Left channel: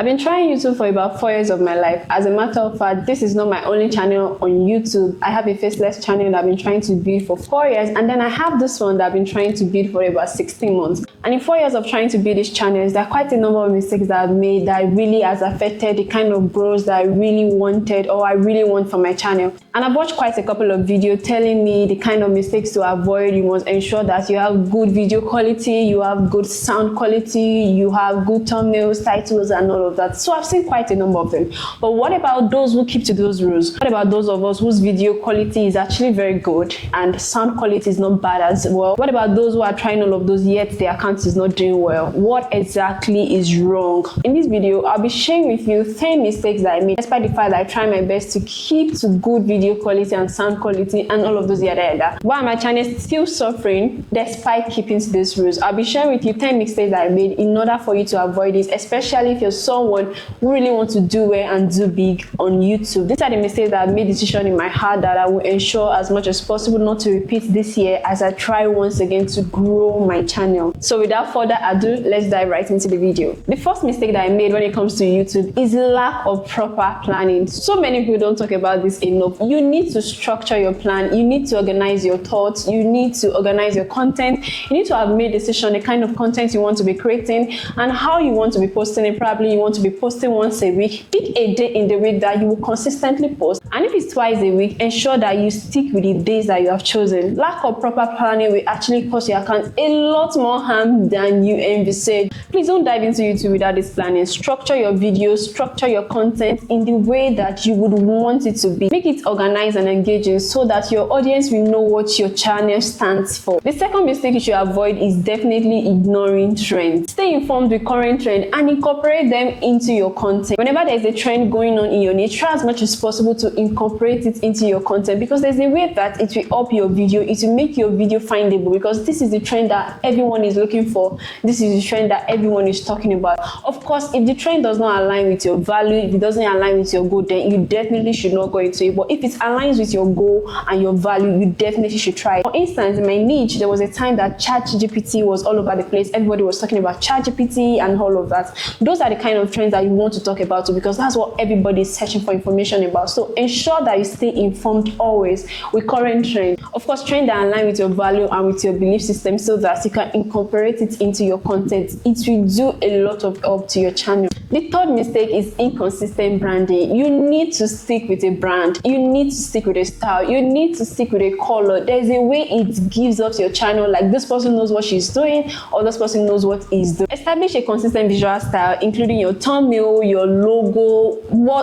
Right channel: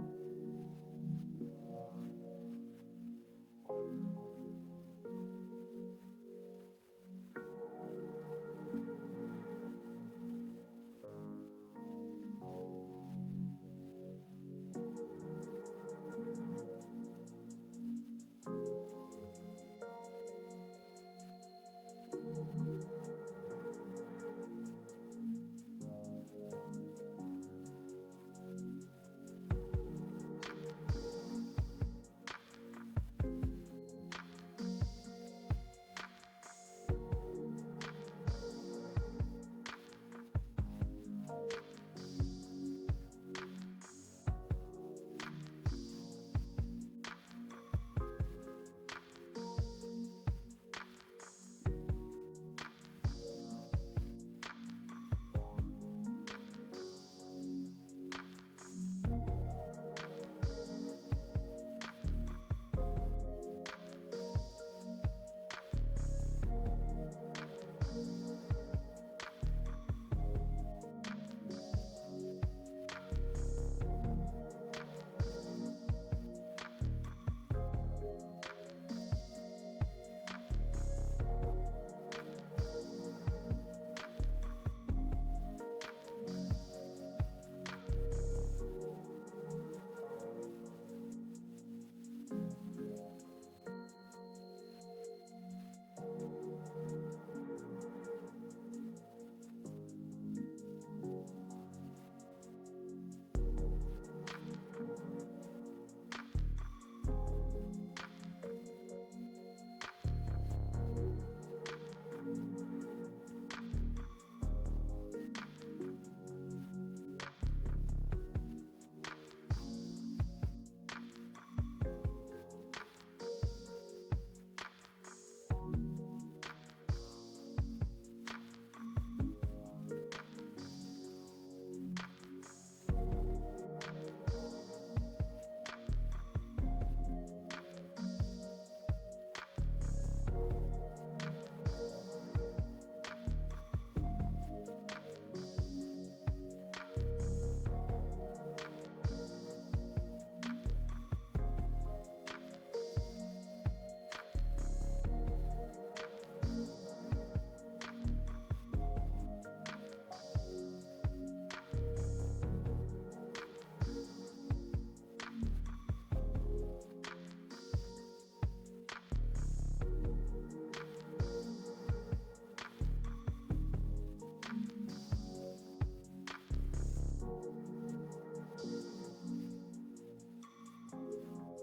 I've been trying YouTube for about 4 years of my life. As a matter of fact, this is not my only channel on YouTube. I have a faceless channel that I've been trying to build for 4 years, and then I have this one that I've been trying to build for about 16 months. And in 4 years of trying to build these channels, there are quite a number of mistakes that I've made that really has affected the kind of growth that I really wanted or I really want for my channel. And I've watched quite a couple of videos telling me the kind of mistakes to avoid. You must ensure that you have good video quality, you have good sound quality, you have good thumbnails, titles, and all of that. So I've seen quite a number of them. But what about those who keep to those rules? What about those of us whose video quality is actually very good and sound quality is not bad as well? What about those who are trying all of those yet their account is not doing well? What exactly is wrong? In this video, I'll be sharing with you 10 mistakes that I made, despite the fact that I try my best to keep to good video quality and sound quality and all of those yada. Why my channel is still suffering despite keeping to these rules? I'll be sharing with you 10 mistakes that I made in order for you to avoid it, especially if you're someone who really wants to do well and do big on YouTube. These are the mistakes that I've made decision in my heart that I will ensure as much as possible not to repeat this year as I try once again to grow my channel. So without further ado, let's dive right into the video. The first mistake that I made when it comes to YouTube is lack of proper planning. So many people don't talk about this enough. You need to structure your plan. You need to organize your thoughts. You need to organize your content. You need to have made a decision the kind of content you want to be creating and how you want to be posting it. Probably you want to be posting once a week. Pick a day in the week that you will consistently post, and if it's twice a week, ensure that you stick with the days that you have chosen. Lack of proper planning will actually cause your account a lot more harm than you envisage. Please don't dive into YouTube without this planning. Structure your videos, structure your content in the way that you would want it to be. Make it organized and engaging so that your audience will know what your channel stands for. The second mistake you should avoid is definitely ignoring trends. Stay informed with current trend and incorporate them into your content. Whenever there's a trend going on in your niche, try as much as possible to incorporate it into your content, because there's a way that it will up your video, it will make your video findable, because this is the trend that everyone is looking for. This is the trend that everyone is talking about. Of course, if the trend does not align with your value, if it doesn't align with your goal, then you definitely should not go into it. But if it aligns with your goal and your value, you definitely should try it. For instance, in my niche, there was a time that ChatGPT was all over the place. Everybody was talking about ChatGPT and all of that. Those are the kind of trends that you want to talk about too, because that's what everybody is searching for information about. So ensure that you stay informed always with current trend. Of course, trend that align with your value and with your belief system so that you can incorporate it into your content. It will do a lot of help to your channel. The third mistake is inconsistent branding. You need to stick with a brand. You need to stick with a style. You need to stick with a color. There's a way it gives up to your channel, like this person knows what she's doing or this person knows what he's doing. Establish a consistent visual style, including your thumbnail, your logo,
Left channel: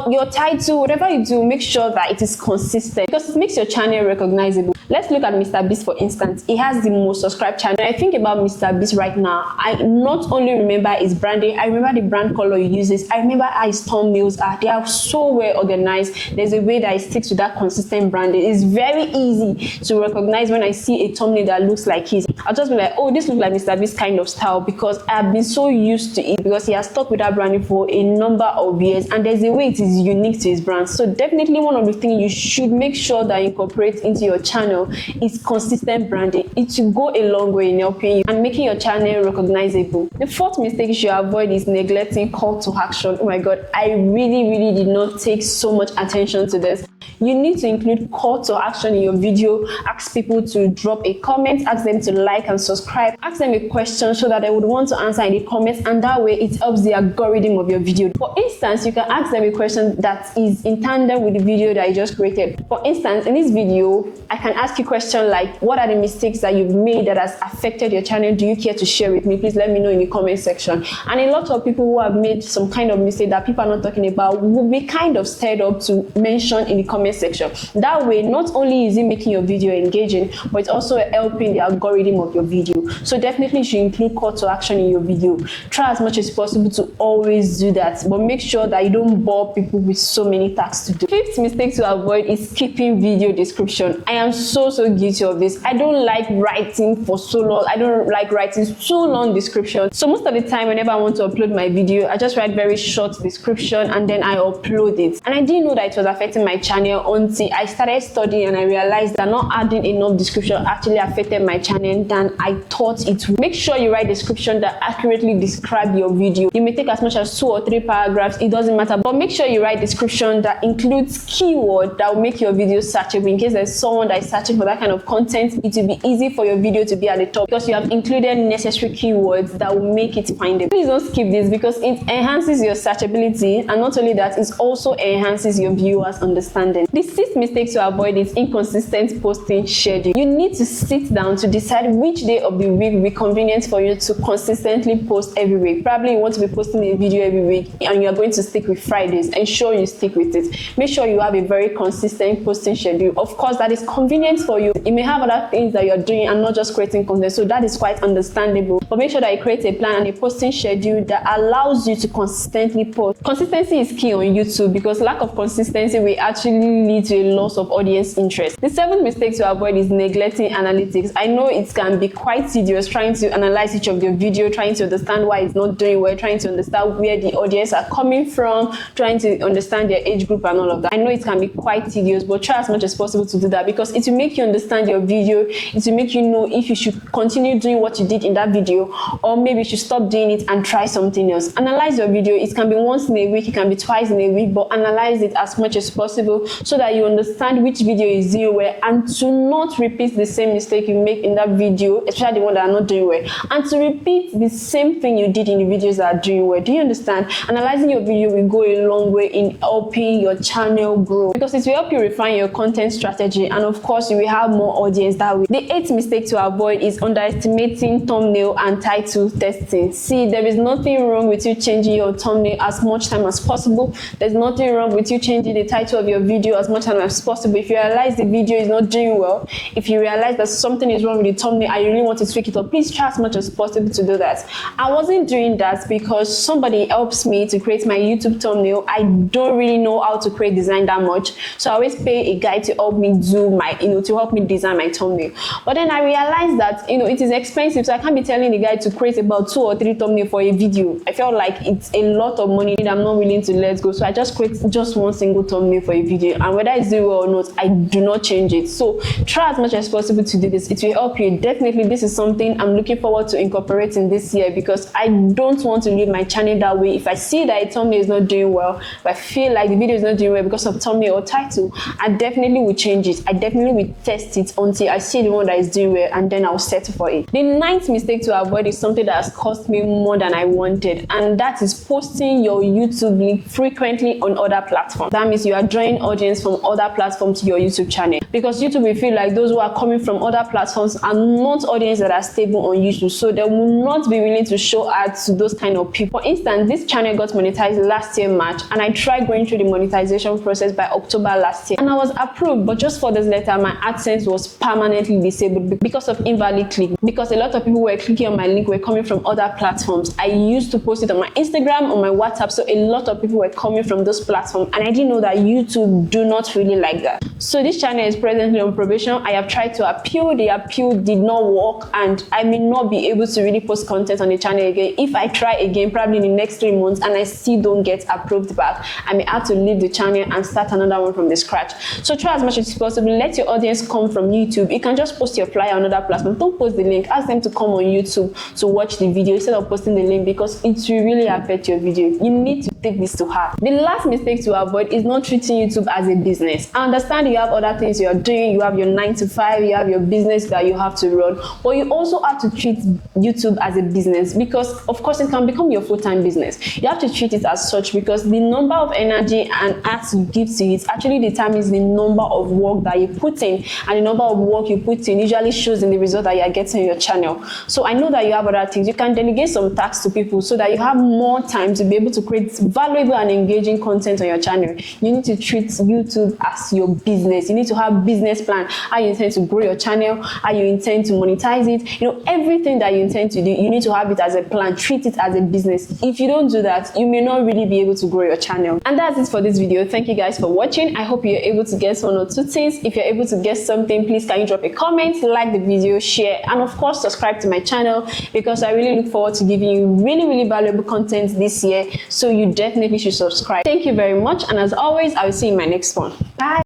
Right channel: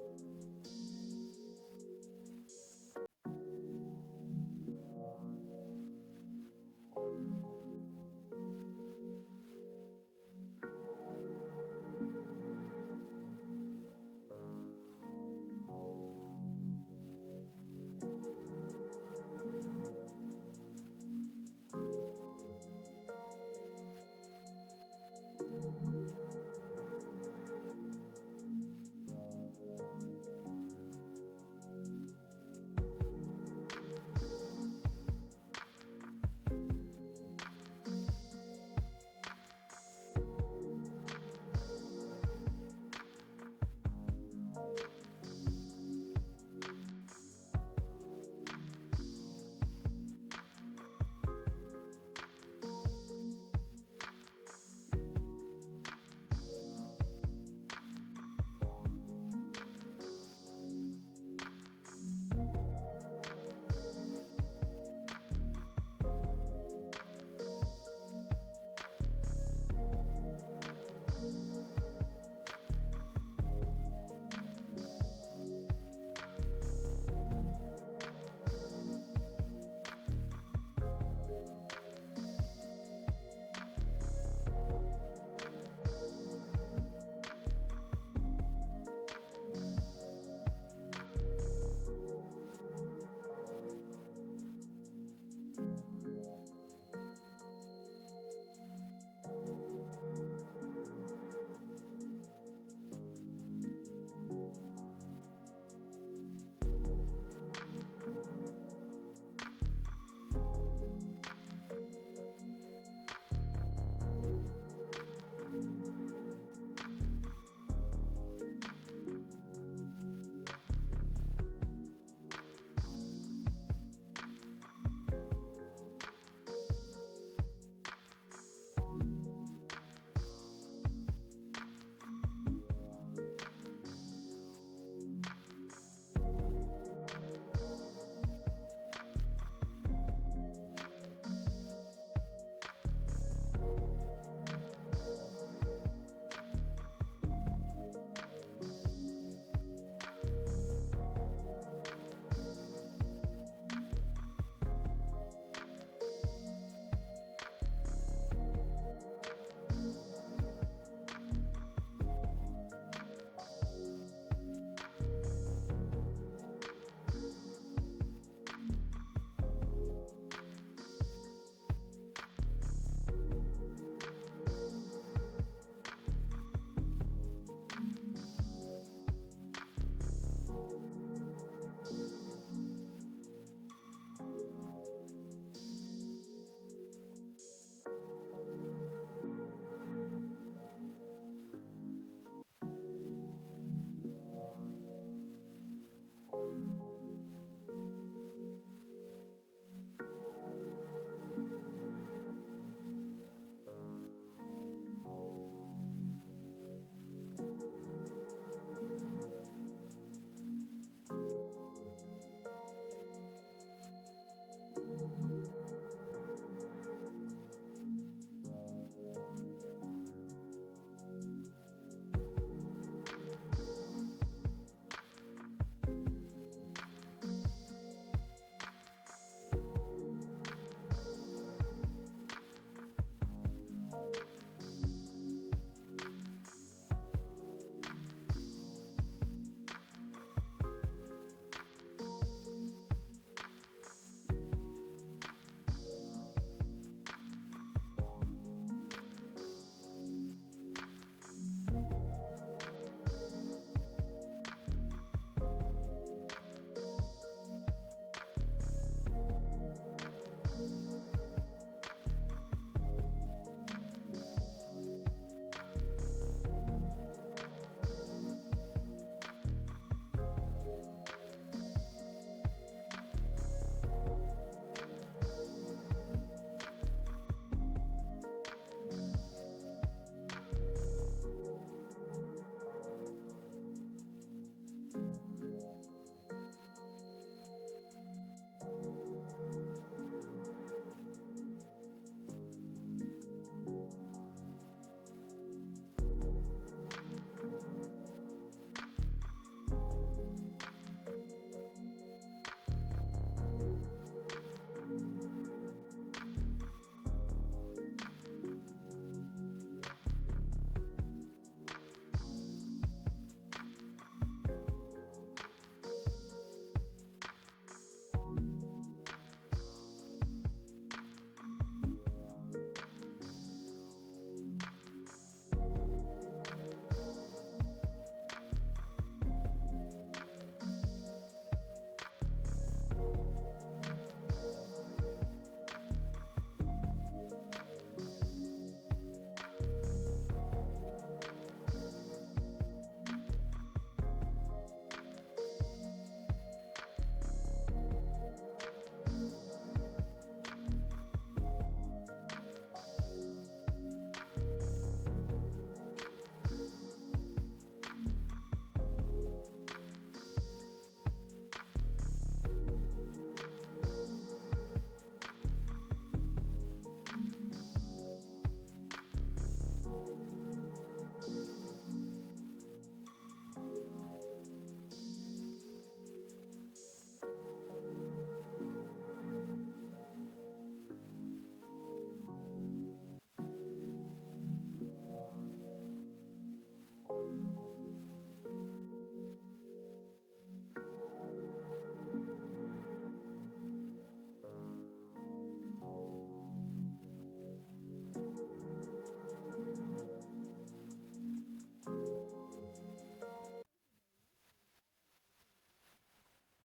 your title, whatever you do, make sure that it is consistent because it makes your channel recognizable. Let's look at Mr. Beast, for instance. He has the most subscribed channel. When I think about Mr. Beast right now, I not only remember his branding, I remember the brand color he uses. I remember how his thumbnails are. They are so well organized. There's a way that he sticks to that consistent branding. It's very easy to recognize when I see a thumbnail that looks like his. I'll just be like, oh, this looks like Mr. Beast kind of style, because I've been so used to it, because he has stuck with that branding for a number of years, and there's a way it is unique to his brand. So definitely one of the things you should make sure that you incorporate into your channel is consistent branding. It will go a long way in helping you and making your channel recognizable. The fourth mistake you should avoid is neglecting call to action. Oh my god, I really did not take so much attention to this. You need to include call to action in your video. Ask people to drop a comment, ask them to like and subscribe, ask them a question so that they would want to answer in the comments, and that way it helps the algorithm of your video. For instance, you can ask them a question that is in tandem with the video that you just created. For instance, in this video, I can ask you a question like, what are the mistakes that you've made that has affected your channel? Do you care to share with me? Please let me know in the comment section. And a lot of people who have made some kind of mistake that people are not talking about will be kind of stirred up to mention in the comment section. That way, not only is it making your video engaging, but it's also helping the algorithm of your video. So definitely you should include call to action in your video. Try as much as possible to always do that, but make sure that you don't bore people with so many tasks to do. Fifth mistake to avoid is skipping video description. I am so guilty of this. I don't like writing for so long. I don't like writing so long description. So most of the time, whenever I want to upload my video, I just write write very short description and then I upload it. And I didn't know that it was affecting my channel until I started studying and I realized that not adding enough description actually affected my channel than I thought it would. Make sure you write description that accurately describe your video. You may take as much as 2 or 3 paragraphs, it doesn't matter, but make sure you write description that includes keyword that will make your video searchable. In case there's someone that is searching for that kind of content, it will be easy for your video to be at the top because you have included necessary keywords that will make it findable. Please don't skip this because it enhances your searchability, and not only that, it also enhances your viewers' understanding. The 6th mistake to avoid is inconsistent posting schedule. You need to sit down to decide which day of the week will be convenient for you to consistently post every week. Probably you want to be posting a video every week and you are going to stick with Fridays. Ensure you stick with it. Make sure you have a very consistent posting schedule. Of course, that is convenient for you. You may have other things that you're doing and not just creating content, so that is quite understandable. But make sure that you create a plan and a posting schedule that allows you to consistently post. Consistency is key on YouTube because lack of consistency will actually lead to a loss of audience interest. The 7th mistake to avoid is neglecting analytics. I know it can be quite tedious trying to analyze each of your video, trying to understand why it's not doing well, trying to understand where the audience are coming from, trying to understand their age group and all of that. I know it can be quite tedious, but try as much as possible to do that because it will make you understand your video. It will make you know if you should continue doing what you did in that video or maybe you should stop doing it and try something else. Analyze your video. It can be once in a week, it can be twice in a week, but analyze it as much as possible so that you understand which video is doing well and to not repeat the same mistake you make in that video, especially the one that are not doing well, and to repeat the same thing you did in the videos that are doing well. Do you understand? Analyzing your video will go a long way in helping your channel grow because it will help you refine your content strategy, and of course you will have more audience that way. The 8th mistake to avoid is underestimating thumbnail and title testing. See, there is nothing wrong with you changing your thumbnail as much time as possible. There's nothing wrong with you changing the title of your video as much time as possible. If you realize the video is not doing well, if you realize that something is wrong with the thumbnail and you really want to tweak it up, please try as much as possible to do that. I wasn't doing that because somebody helps me to create my YouTube thumbnail. I don't really know how to create design that much, so I always pay a guy to help me do my, to help me design my thumbnail. But then I realized that, it is expensive, so I can't be telling the guy to create about 2 or 3 thumbnails for a video. I felt like it's a lot of money that I'm not willing to let go, so I just create just one single thumbnail for a video, and whether it's doing well or not, I do not change it. So try as much as possible to do this. It will help you. Definitely, this is something I'm looking forward to incorporating this year because I don't want to leave my channel that way. If I see that a thumbnail is not doing well, if I feel like the video is not doing well because of thumbnail or title, I definitely will change it. I definitely will test it until I see the one that is doing well, and then I'll settle for it. The 9th mistake to avoid is something that has cost me more than I wanted, and that is posting your YouTube link frequently on other platforms. That means you are drawing audience from other platforms to your YouTube channel because YouTube will feel like those who are coming from other platforms are not audience that are stable on YouTube, so they will not be willing to show ads to those kind of people. For instance, this channel got monetized last year March, and I tried going through the monetization process by October last year, and I was approved, but just 4 days later my AdSense was permanently disabled because of invalid click, because a lot of people were clicking on my link were coming from other platforms. I used to post it on my Instagram, on my WhatsApp, so a lot of people were coming from those platforms, and I didn't know that YouTube do not really like that. So this channel is presently on probation. I have tried to appeal. The appeal did not work, and I may not be able to really post content on the channel again. If I try again, probably in the next 3 months, and I still don't get approved back, I may have to leave the channel and start another one from the scratch. So try as much as possible. Let your audience come from YouTube. You can just post your flyer on another platform. Don't post the link. Ask them to come on YouTube to watch the video instead of posting the link because it will really affect your video. You need to take this to heart. The last mistake to avoid is not treating YouTube as a business. I understand you have other things you are doing. You have your 9 to 5, you have your business that you have to run, but you also have to treat YouTube as a business because of course it can become your full-time business. You have to treat it as such because the number of energy and acts you give to it actually determines the number of work that you put in, and the number of work you put in usually shows in the result that you are getting on your channel. So I know that you have other things. You can delegate some tasks to people so that you have more time to be able to create valuable and engaging content on your channel. You need to treat YouTube as your business. You need to have business plan, how you intend to grow your channel, how you intend to monetize it. Everything that you intend to do, you need to have it as a plan. Treat it as a business. If you don't do that, you may not really be able to grow your channel. And that's it for this video. Thank you guys for watching. I hope you're able to guess 1 or 2 things. If you're able to guess something, please can you drop a comment, like the video, share, and of course subscribe to my channel because I really look forward to giving you really valuable content this year, so you definitely should subscribe. Thank you very much, and as always, I will see you in my next one. Bye.